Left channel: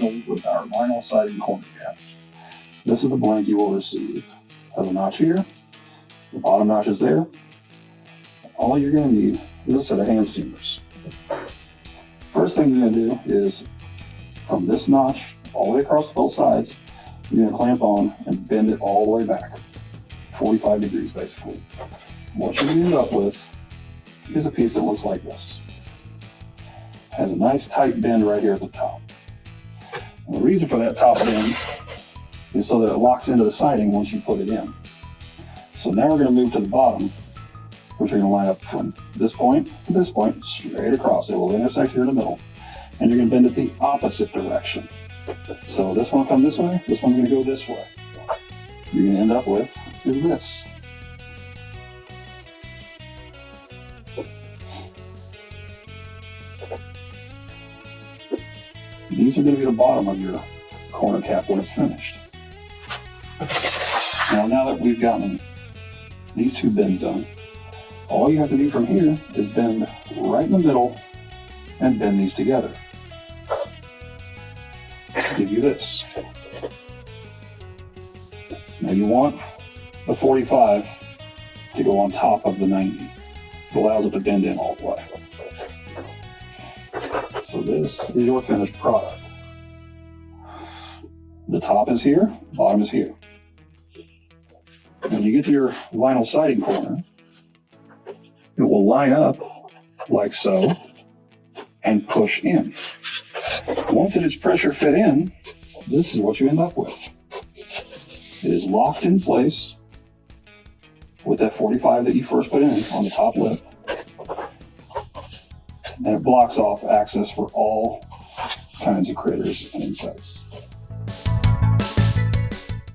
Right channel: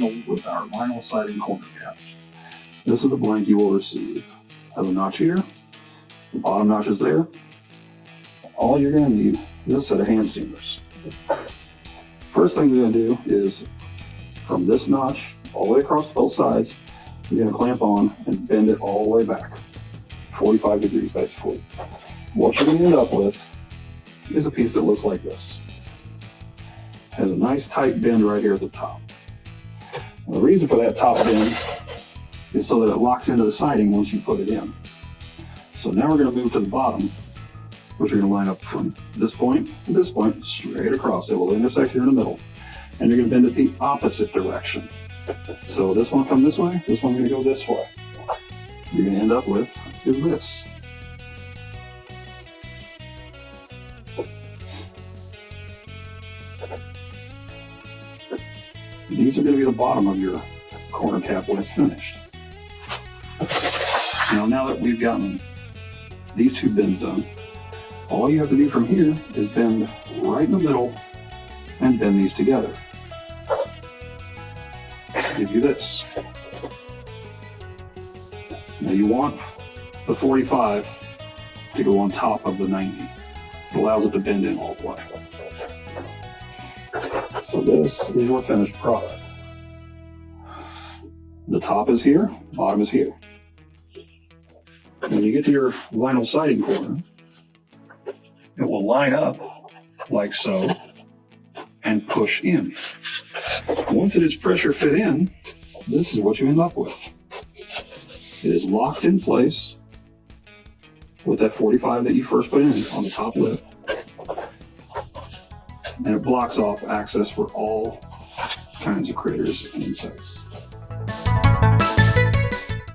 with our vinyl siding corner cap. This is the blank you will receive. Has a notch here, the bottom notch is there. All you're going to need is a set of hand seamers. First thing you're going to do is, from this notch all the way across both sides, you're going to clamp on and bend it all the way back, 45 degrees basically. What you're going to end up with is a piece that looks like this. Has a nice tight bend right here at the top. And the reason for that top bend is so that it locks into the siding once you put it in. So now we're going to move to the bottom, which we're going to line up from this point to this point, straight across. It will intersect here in the middle. And you're going to bend it the opposite direction. So this one will come this way, this one's going to go this way. You're going to end up with is this. These are going to be the bottom of your corner cap when it's finished. Now that we've gotten these two bends done, all you have to do from here is bend right in the middle and bend these together. Give you this. Now you want the 45 to go on top of the 90. It allows it to bend in all the way. So this is your finished product. The top is here, bottom is here. When you get to your vinyl siding corner, it will line up like so and push in. Once it is pressure fit in, this is what you end up with. It is locked in place with that 45 that you first put in on the top lip, and it blocks off access for all kinds of critters and insects.